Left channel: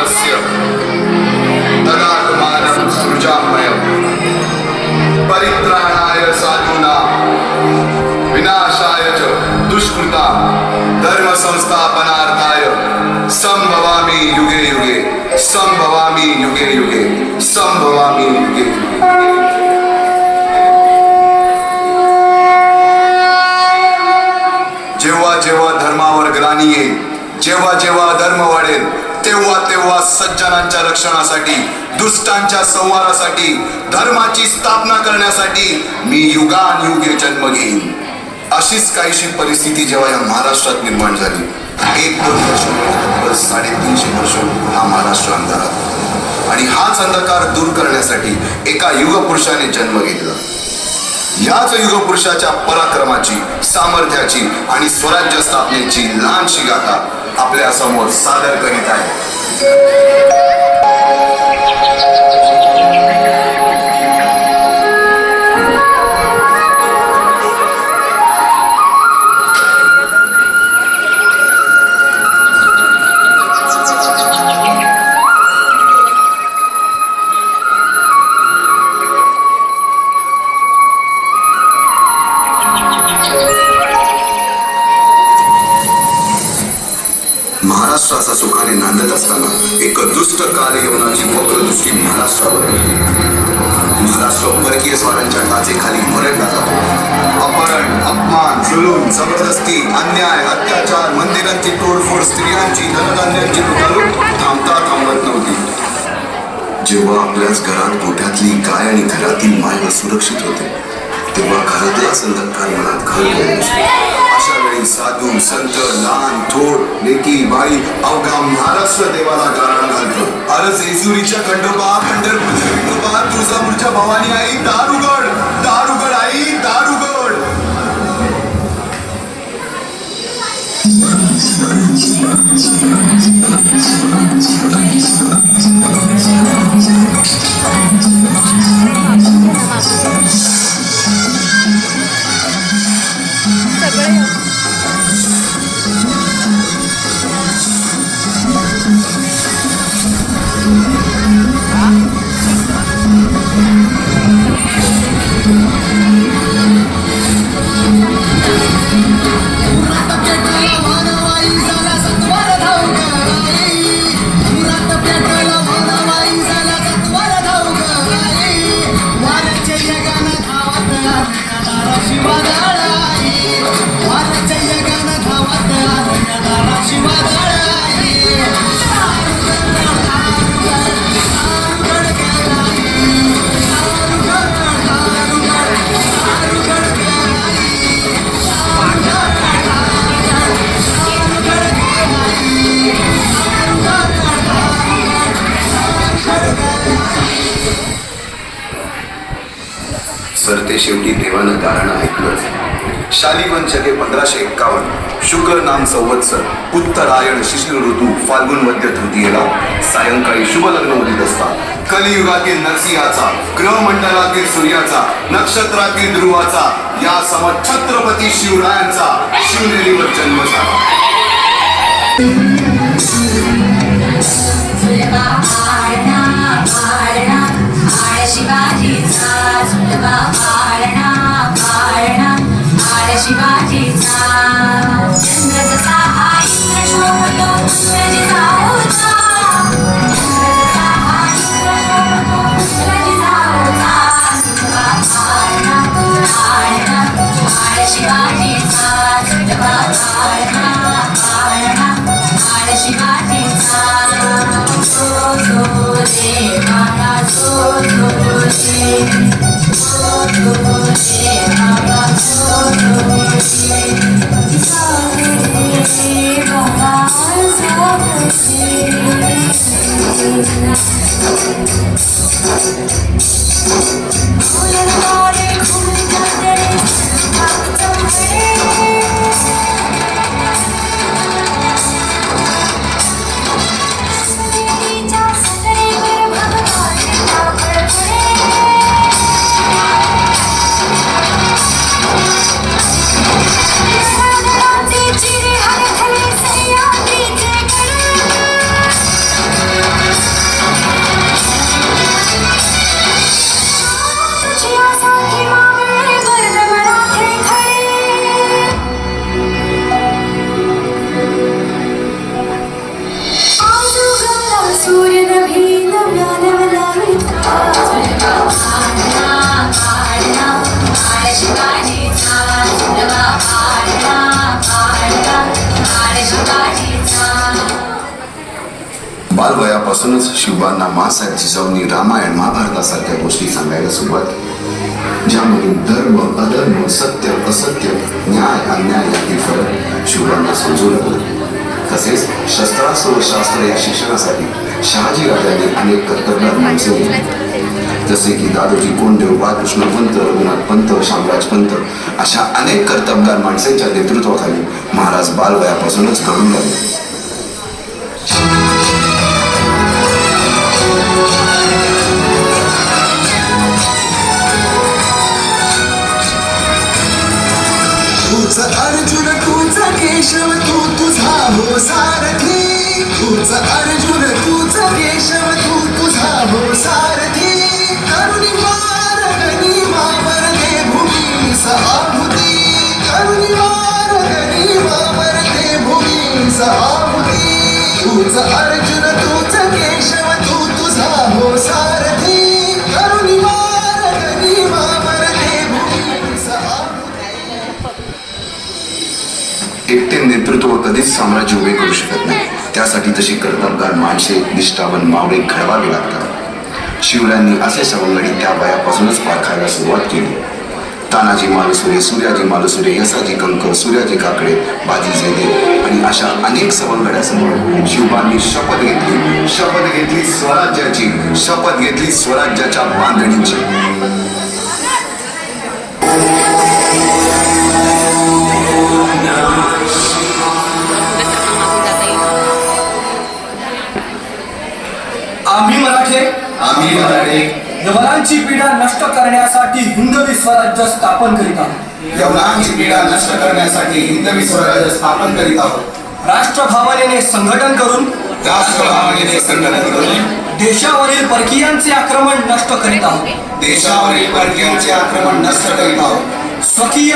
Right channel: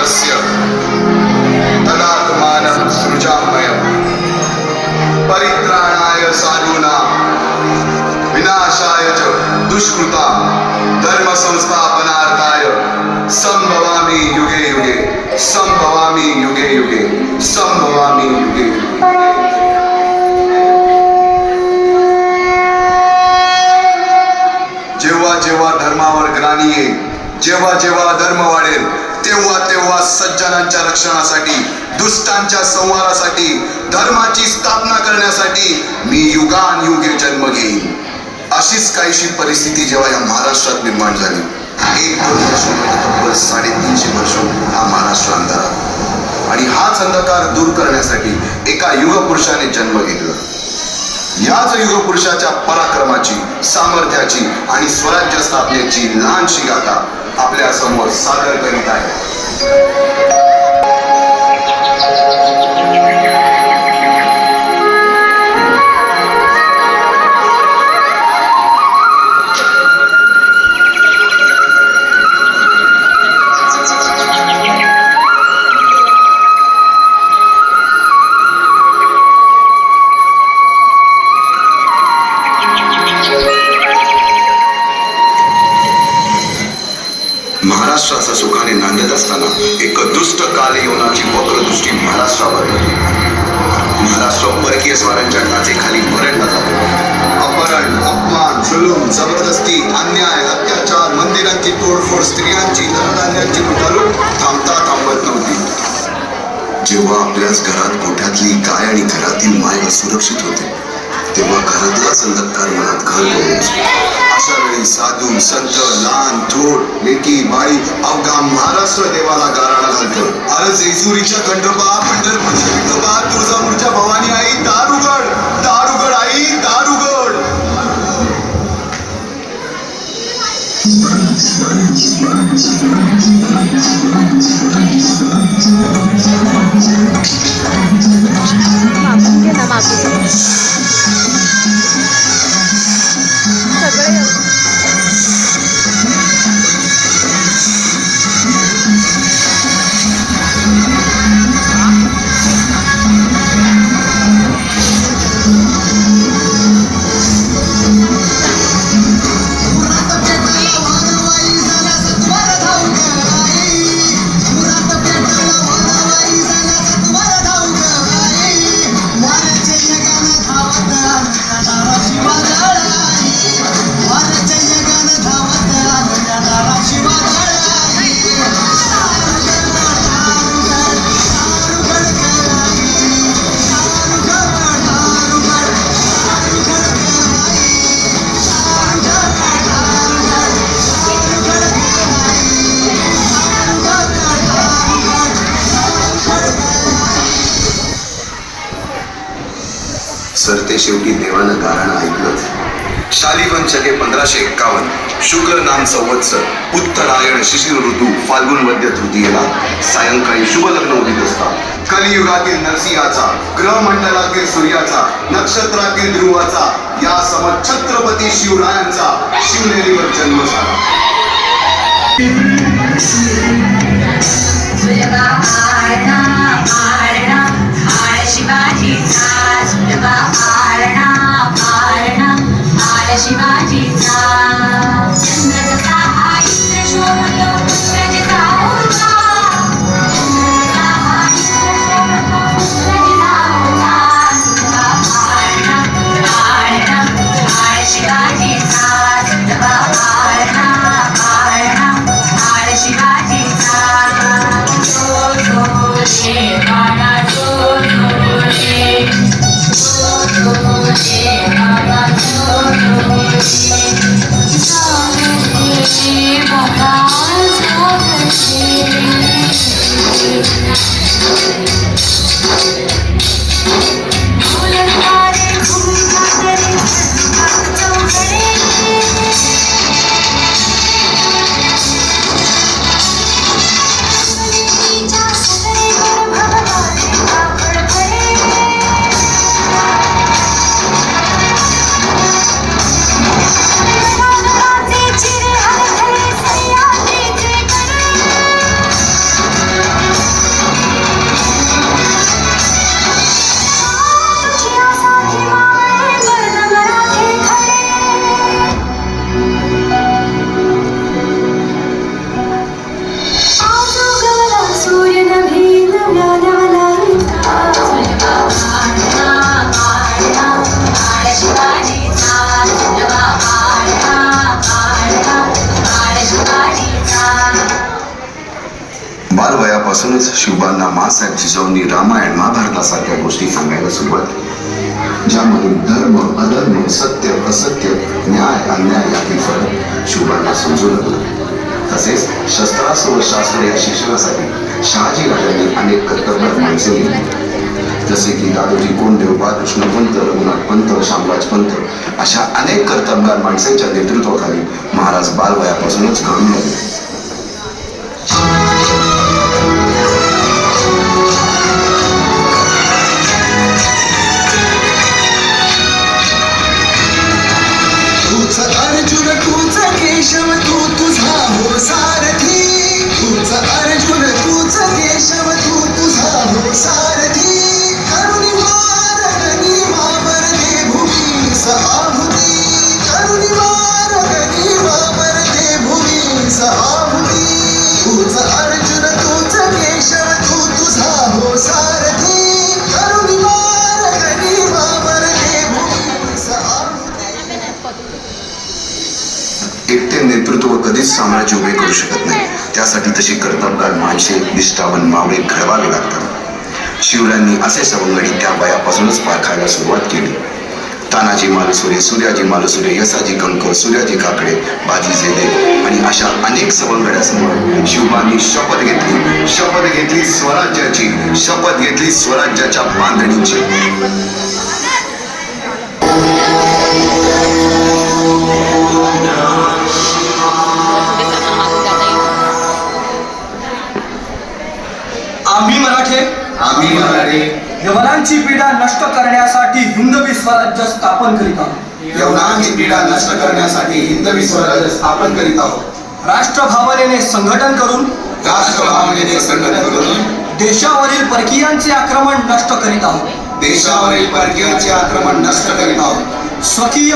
ज्ञानस्य तदात्मानं सृजाम्यहम् परित्राणाय साधूनां विनाशाय च दुष्कृतां धर्म संस्थापनार्थाय संभवामि युगे युगे संभवामि युगे युगे संभवामि युगे युगे. जेव्हा जेव्हा धर्मावर ग्लानी येईल, जेव्हा जेव्हा धर्म वाढेल, तेव्हा तेव्हा सज्जनांच्या रक्षणासाठी, दुष्टांच्या संहारासाठी, धर्माची स्थापना करण्यासाठी मी युगानुयुगे जन्म घेईन. अशीच काहीशी परिस्थिती जेव्हा या महाराष्ट्रात निर्माण झाली, 1-2 वर्ष 350 वर्ष हा महाराष्ट्र अंधारात, आणि हाच अंधकार दूर करण्यासाठी एका युगपुरुषाने जन्म घेतला. याच युगपुरुषाच्या पराक्रमाची, सामर्थ्याची आणि स्वराज्य स्थापनेची लहानशी गाथा आपल्या समोर सादर करीत आहे. महाराष्ट्राचा सुखाने नांदत असताना एक दुष्ट कालयवनाची वक्रदृष्टी महाराष्ट्रावर पडली. महाराष्ट्र परकीय स्वारांच्या टाचेखाली मरणला जातो. अपहरण, अपमान, जुलूम, जबरदस्ती, अन्याय, अत्याचार, मंदिरांची तोडफोड, स्त्रियांची, धनधान्यांची लुटालूट थांबता थांबत नव्हती. जेव्हा आपल्याच घरात गोठ्यातली गाय आणि घरातील माय सुरक्षित होते, तेव्हा घरातलाच अंधकार मनात घर करून असतो. अशा वेळी साधू, संत, लहान, थोर, लेकी, बाई अवघा महाराष्ट्र देवाला गाराणा घालतो. अरे जेजुरीच्या खंडोबा, पंढरपूरच्या विठोबा, तुळजापूरच्या भवानी आई, दारुगड, दारुगड आई, दारुगड. सरते शेवटी देवानं गाराणं ऐकलंच. शालिवन शके 1551 शुक्ल नाम संवत्सर उत्तरायण शिशिर ऋतू फाल्गुन मध्य तृतीयेला सायंकाळी शुभ लग्न उदित असता कलियुगातील नरसिंहाचा, ग्रहमंडलातील सूर्याचा, नक्षत्रातील ध्रुवाचा, या समत छत्रपती शिवरायांचा शिवनेरीवर जन्म झाला. शिवाजीचा चंद्रचा आईन्द्र शोभतो रजिता होता रजिता होता सुतवा पाळणा पाळणा पाळ शिवाजीचा सुतवा पाळणा पाळणा पाळ शिवाजीचा जो जो रे बाळा जो जो रे जो जो रे बाबा जो बालवयापासूनच शिवबांना माँसाहेब जिजाऊंनी रामायण महाभारतासारख्या गोष्टी सांगायला सुरुवात केली, ज्यामधून धर्म अधर्म सत्य असत्य न्याय अन्याय यातील फरक शिवबांना समजू लागला. तसेच शस्त्रास्त्र व शास्त्र या शिक्षणासाठी शहाजी राजांनी अनेक कर्तव्य माणसं दिली, जसे की दादोजी कोंडदेव, बाळकृष्ण पंत, रघुनाथ पंत, शामराज पंत अशा अनेक कर्तबगार माणसांच्या नेतृत्वाखाली महाराज बालवयापासूनच घडू लागले. तूच अर्जुन तूच केशव तू तुझा हो सारथी, तूच अर्जुन तूच केशव तू तुझा हो सारथी. करुणी मारगणी मावर दे भूमीस आहुती, करुणी मारगणी मावर दे भूमीस आहुती. तूच अर्जुन तूच केशव तू तुझा हो सारथी, करुणी मारगणी मावर दे भूमीस आहुती. एकटे नेतृत्व कधीच साम्राज्य उभे करू शकत नाही. त्यासाठी तशी कर्तबगार माणसे निष्ठावन मावळे घडवावे लागतात. शिवरायांनी असे सवंगडी त्या वयापासूनच पारखायला सुरुवात केली. तानाजी मालुसरे, सूर्याजी मालुसरे, यसाजी कंकर, सूर्याजी काकडे, बाजी जेदे आणि अशा अनेक सवंगड्यासमोर शिवबांनी शपथ घेतली स्वराज्याची, शपथ घेतली स्वराज्याच्या बांधणीची. आम्ही मराठे यवनांची पीडा नष्ट करण्यासाठी हिंदवी स्वराज्य स्थापन करीत आहोत. यवनांची पीडा नष्ट करण्यासाठी हिंदवी स्वराज्य स्थापन करीत आहोत. राष्ट्रभावनेने संघटन करून राष्ट्रभावनेने संघटन करून देशावरील परकीयांचे आक्रमण नष्ट करीत आहोत. देशावरील परकीयांचे आक्रमण नष्ट करीत आहोत. स्वकीय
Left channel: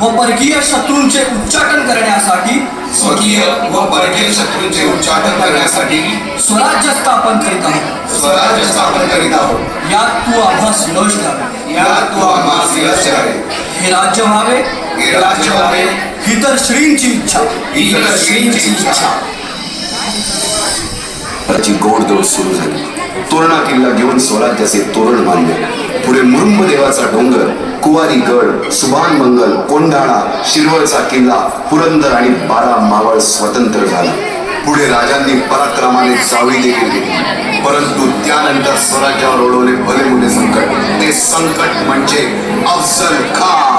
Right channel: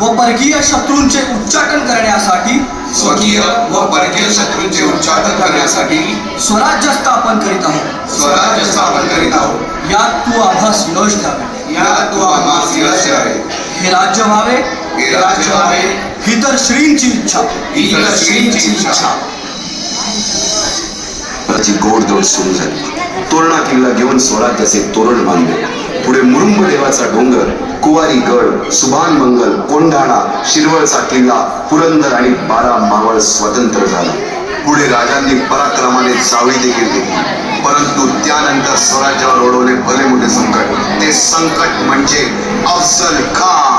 व परकीय शत्रूंचे उच्चाटन करण्यासाठी स्वकीय व परकीय शत्रूंचे उच्चाटन करण्यासाठी स्वराज्य स्थापन करीत आहोत. स्वराज्य स्थापन करीत आहोत. यात तू आभास यश द्यावे. यात तू आम्हास यश द्यावे. हे राज्य व्हावे हे राज्य व्हावे ही तर श्रींची इच्छा. ही तर श्रींची इच्छा. त्याची गोडदोड सुरू झाली. तोरणा किल्ला घेऊन स्वराज्याचे तोरण बांधले. पुढे मुरुंब देवाचा डोंगर, कुवारी गड, सुभान मंगल, कोंढाणा, शिरवळचा किल्ला, पुरंदर आणि 12 मावळ स्वतंत्र झाले. पुढे राजांनी पराक्रमाने चावडी देखील घेतली. परंतु त्यानंतर स्वराज्यावर ओढवले भले मोठे संकट. ते संकट म्हणजे अफजल खान.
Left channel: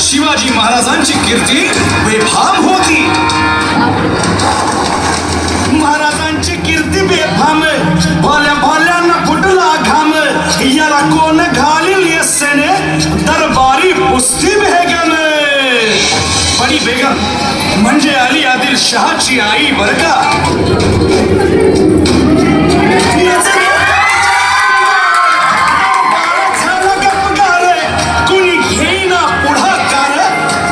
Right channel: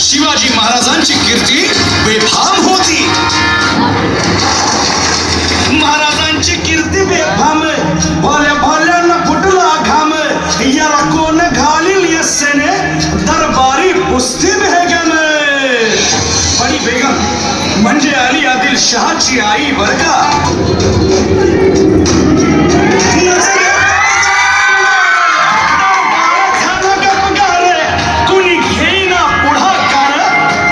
शिवाजी महाराजांची कीर्ती बेफाम होती. महाराजांची कीर्ती बेफाम, भल्या भल्यांना फुटला घाम. याला कोण घालील यस्सेने दरबारी कुस्ती बेगम. बडी बेगम म्हणजे अली आदिल शहाची आई बर का. कुणी घेईना पुढाकार,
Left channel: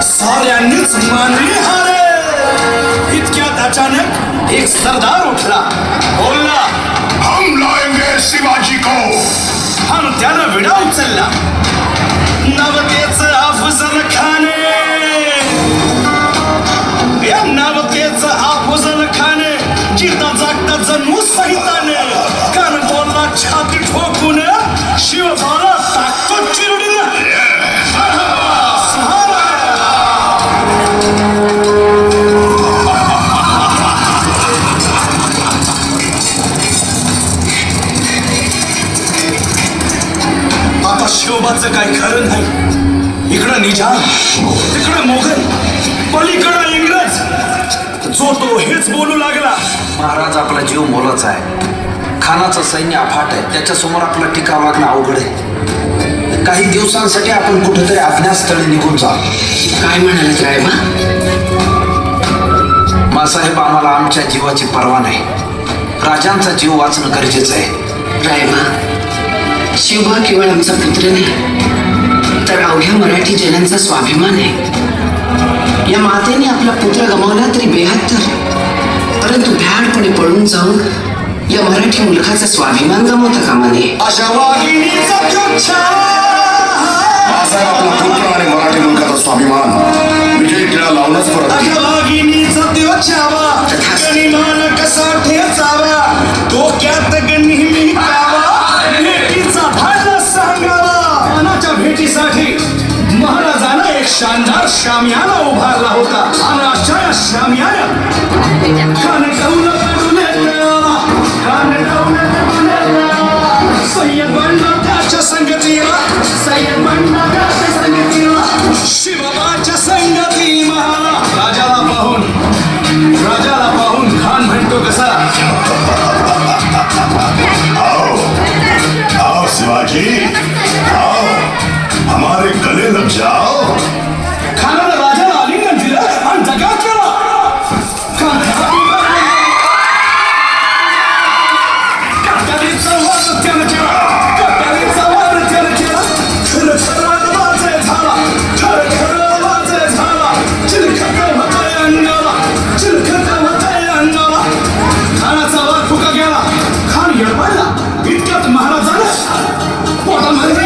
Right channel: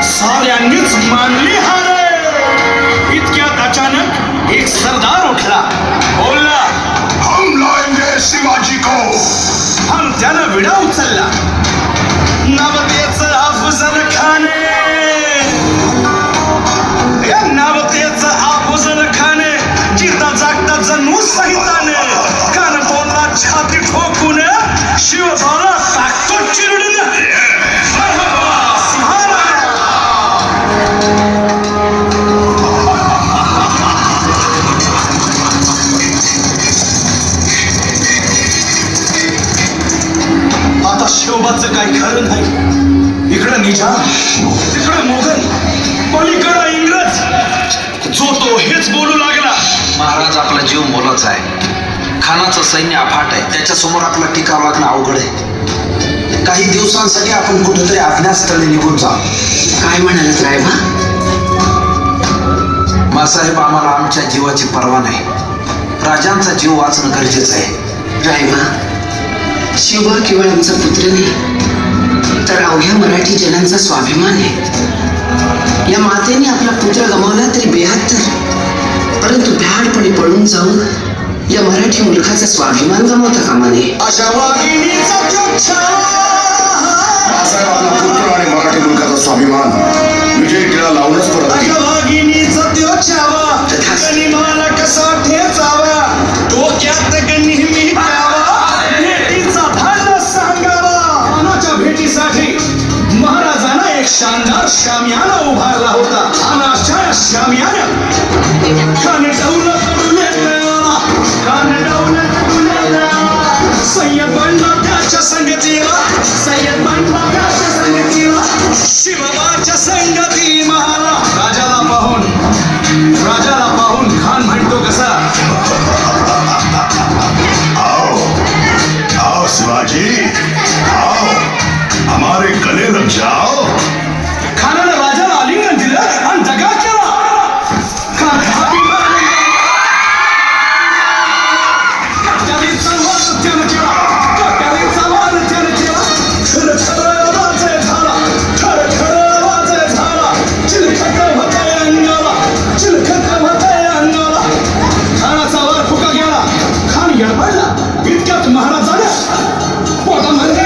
साऱ्यांनीच मानली हार. इतक्यात अचानक एक सरदार उठला, बोलला, हम लाएंगे शिवाजी को. हम त्यानं विडा उचलला. नवतेचं अफजल खाने, या नवतेचं अफजल खाने जिता जागता जणू सहिताने. कारण बोलला छाती ठोकून, शिवबाला टाकतो चिरडून. आता शिवबाचं काही खरं नाही. इकडं निजाम, तिकडं मुघल, पलीकडं इंग्रज. जो तो हेच बोलू लागला. महाराज आपला जीव मोलाचा आहे. खानाचं सैन्य अफाट आहे. त्याच्यासमोर आपला टिकाव लागणं अवघड आहे. काही दिवसांसाठी आपण कुठेतरी अज्ञातस्थळी निघून जाऊ. काय म्हणाले साहेब? रामसाहेब, आम्हाला आमच्या जीवाची पर्वा नाही. राजांचा जीव वाचणं गरजेचं आहे. रायबा, शिवबा केवळ आमचा पुत्र नाही तर अवघ्या मराठी जनांचा स्वाभिमान आहे. या मातेने आपला पुत्र गमावला तरी बेहत्तर, परंतु भ्याडपणे पळून जाऊन या मराठी मुलखाचा स्वाभिमान गमावता कामा नये. अशा वाघिणीचा चुच्छा रावसाहेब आपला पुत्र आणि मराठी मुलखाचा स्वाभिमान विजय टिळा लावूनच परत येईल. वाघिणीचा त्यो छावा गनिमान कसा ठेचावा, डोक्यात नेहमी कावा, भेटीचा धाडस सांगावा. मानाच्या भेटीसाठी महाराजांना एक शानदार शामियाना उभारला होता आणि अशा शामियाना काने डाऊन काढून देवाला, काने डाऊन काढून देवाला. सय्यद बंडा त्याच्या संगतीला, सय्यद बंडा त्याच्या संगतीला, शिवबाच्या संगती महाला. राजाला पाहून खान म्हणतो कसा, आओ आओ शिवाजी, आओ हमारे गले लग जाओ. खानाने राजाला आलिंगन दिलं आणि दगा केला. खान हाती मारला. कट्यारीचा वाद त्यानं केला, कट्यारीचा वाद त्यानं केला. खरं आवाज झाला, खरं आवाज झाला. चिलखत होताय अंगाला, चिलखत होताय अंगाला. खानाचा वर फुका गेला. खान येडपडला. इतक्यात महाराजाला पोटा म्हणजे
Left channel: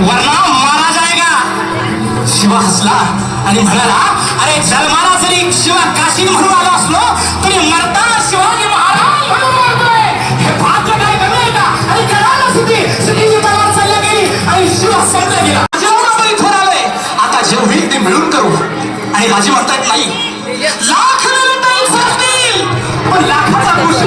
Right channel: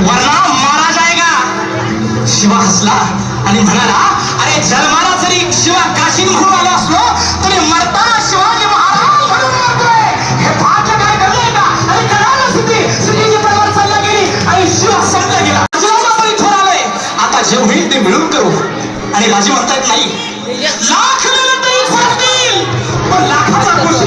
वरना मारा जाएगा. शिवा हसला आणि म्हणाला, अरे जन्माला जरी शिवा काशी म्हणून आला असलो तरी मरताना शिवाजी महाराज म्हणून मरतोय. हे भाग्य काय घडलंय का? आणि कळालं सुटीची तलवार चालल्या गेली आणि शिवा समजा गेला. जेवढं तरी ठरवलंय, आता जे होईल ते मिळून करू. आणि राजे म्हणतायत नाही, लाख मिनिटं संपतील पण लाखाचा पुरुष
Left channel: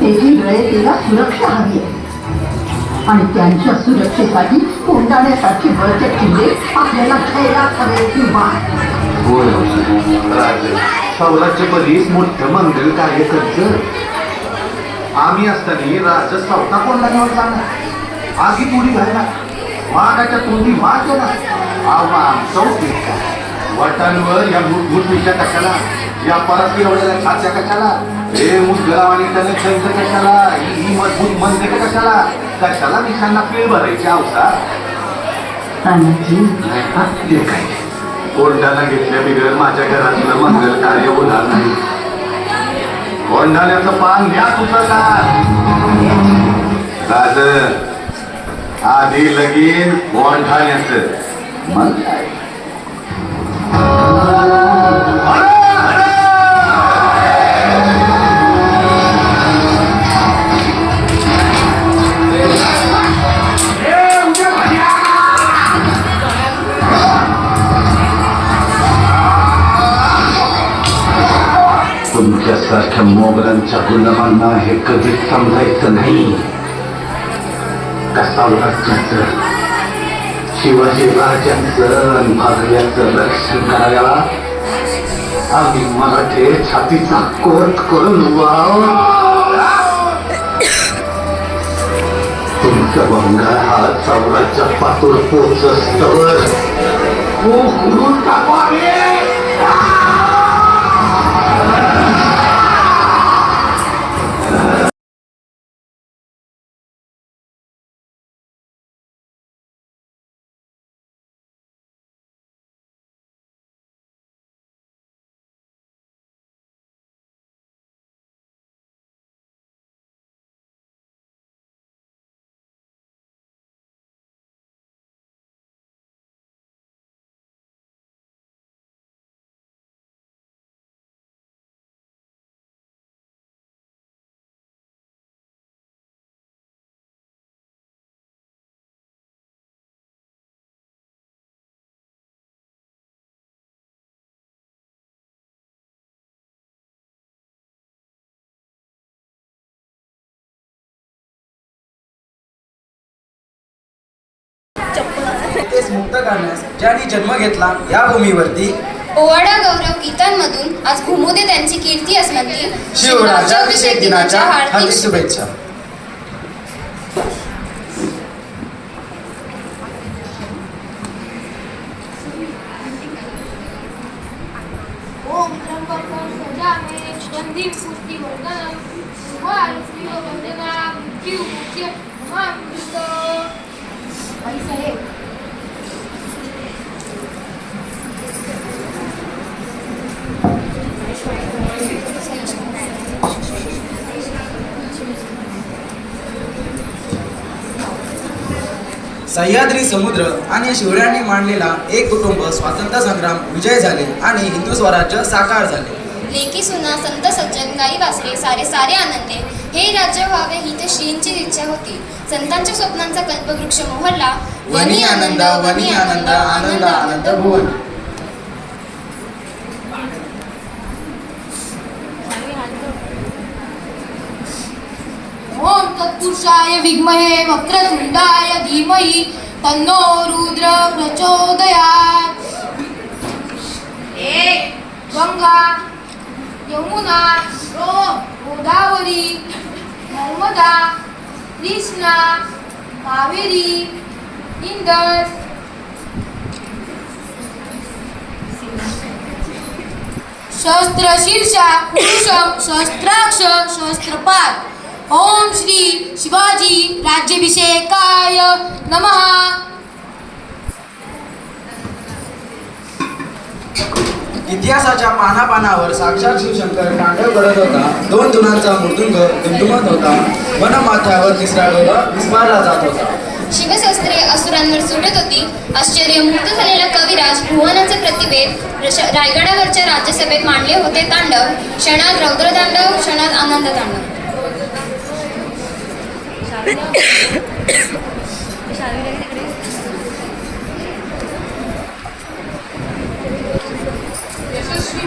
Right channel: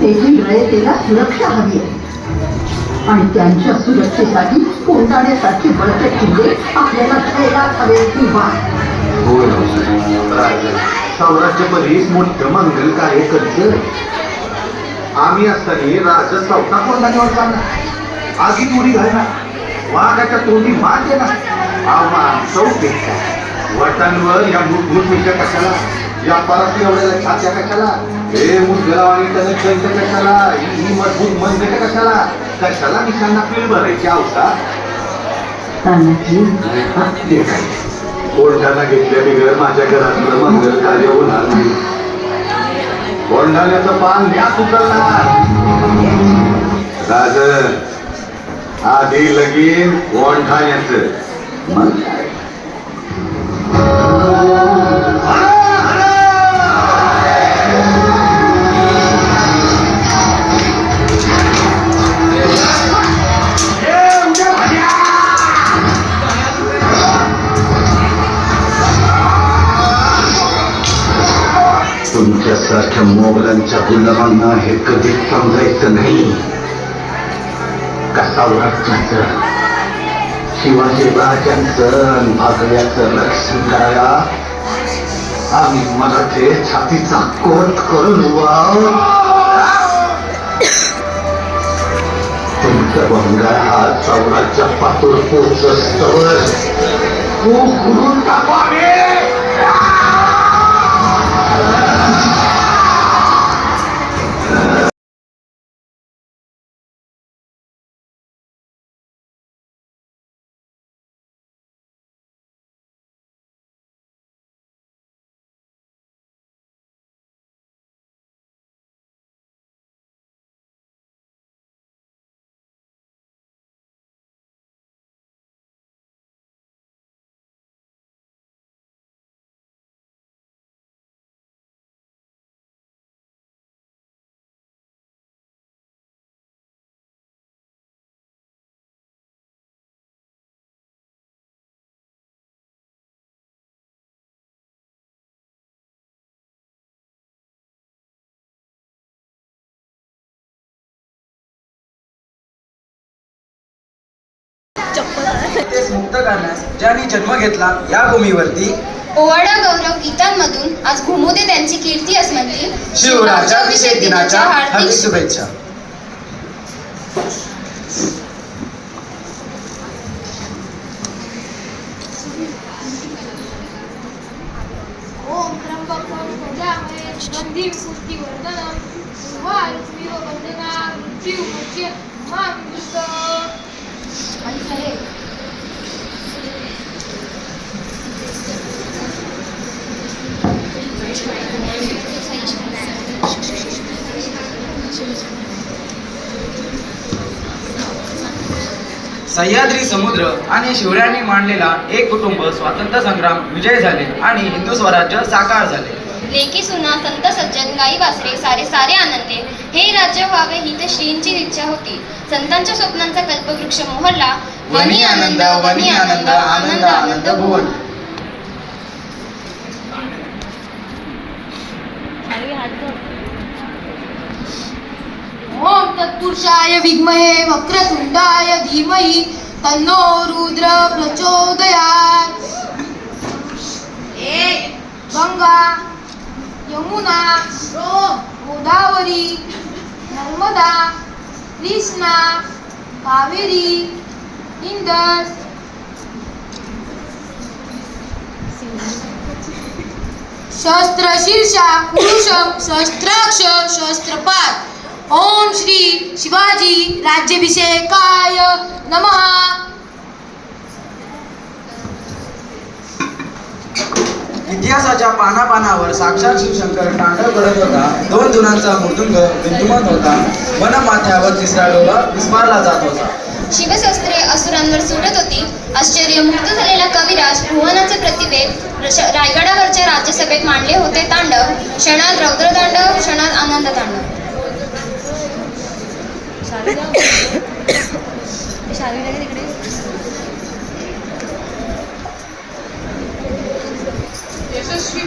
तेथील रयतेला सुरक्षा हवी आहे आणि त्यांच्या सुरक्षेसाठी कोंडाण्यासारखे बळते किल्ले आपल्याला खेळात हवे किंवा सौराष्ट्रपती मोठं मंगल कार्य करतं. आम्ही असताना राजा चौथा कोंडाण्यावर जाणार, आगीत उडी घालणार, वाघाच्या तोंडी वाघ येणार. आव्हान चौक वाटांवर या मृत्यूच्या कशाला, या पराती एवढ्या छात्या कशाला, हे मुद्गलाम आणि त्याला खर्च कशाला, ही मजबूत बंद कशाला, कशाला किशांना पिळ भरायची अवसा. कोंडाणा घेतल्या बिगर माझ्या घरातलं मंगल कार्य होणार नाही. कोंडाण्याचं पान न्यास उचलणार. राज आधी लगीन कोंडाण्याचं, मग काय. तुमच्यासारख्या मोगलांच्या गुलामांना हे कधीच समजायचं नाही. कसावराज्याचं, शिवाजी राजांचं आणि भागव्याचं रक्षण करायला आम्ही मराठे छातीचा कोट करून तुमचा भंगा हा चौराच्या पातूर पोचस्तवर उघडून टाकावे. तेच मुक्त करण्यास ज्यांनी जन्म घेतला या भूमीवरती ओवाडा गौरव गीतांमधून आज घुमू दे त्यांची कीर्ती अस्मंती. शिवराज्याभिषेक दिनाच्या हार्दिक शुभेच्छा. ओम त्र्यंबकं सजामहे सुगंधिं पुष्टिवर्धनं उर्वारुकमिव मृत्युमुच्य मामृत. आई साहेब सह्याद्री समुद्र आणि शिवरायांनी मांडलेला एक कुटुंब स्वातंत्र्य संग्राम विजय झाले आणि हिंदू स्वराज्य साकार झाले. लेकी सुना संत सज्जन गाई वासरे सारे सारे आनंदे. हे राज्य व्हावे ही तर श्रींची इच्छा होती. संतांच्या स्वप्नांचा कल्पवृक्ष मोहरला. वनी आनंद वनी आनंद आनंद आनंद बोल. ओम तत्पुरुषाय विद्महे वक्रतुंडाय धीमहि तन्नो रुद्र प्रचोदयात्. गंगा यमुना गोदावरी नर्मदा कृष्णा कावेरी इंदस शस्त्रशीर्षा पुरुषम शस्त्राक्ष शस्त्रपात. ओम श्री शिवाजी राज्याभिषेकाय नमः. इतिहासाच्या पानापानावर साक्षात शिवशंकर तांडव करत होता. 2 जुनांचा मृदुंग दुमदुमत होता. वनमाथ्यावर तिसरा डोला विस्मारला जात होता. शिवशस्त्रे असुरांवर सुटत होती. आश्चर्यमुक्त झालेला कविराज भुवनाचे प्रतिभेद रायगडावरच्या राज्यसभेत मांडले होते तांडव. क्षणात रौद्रतांडव, क्षणात आनंद तांडव. यशस्वी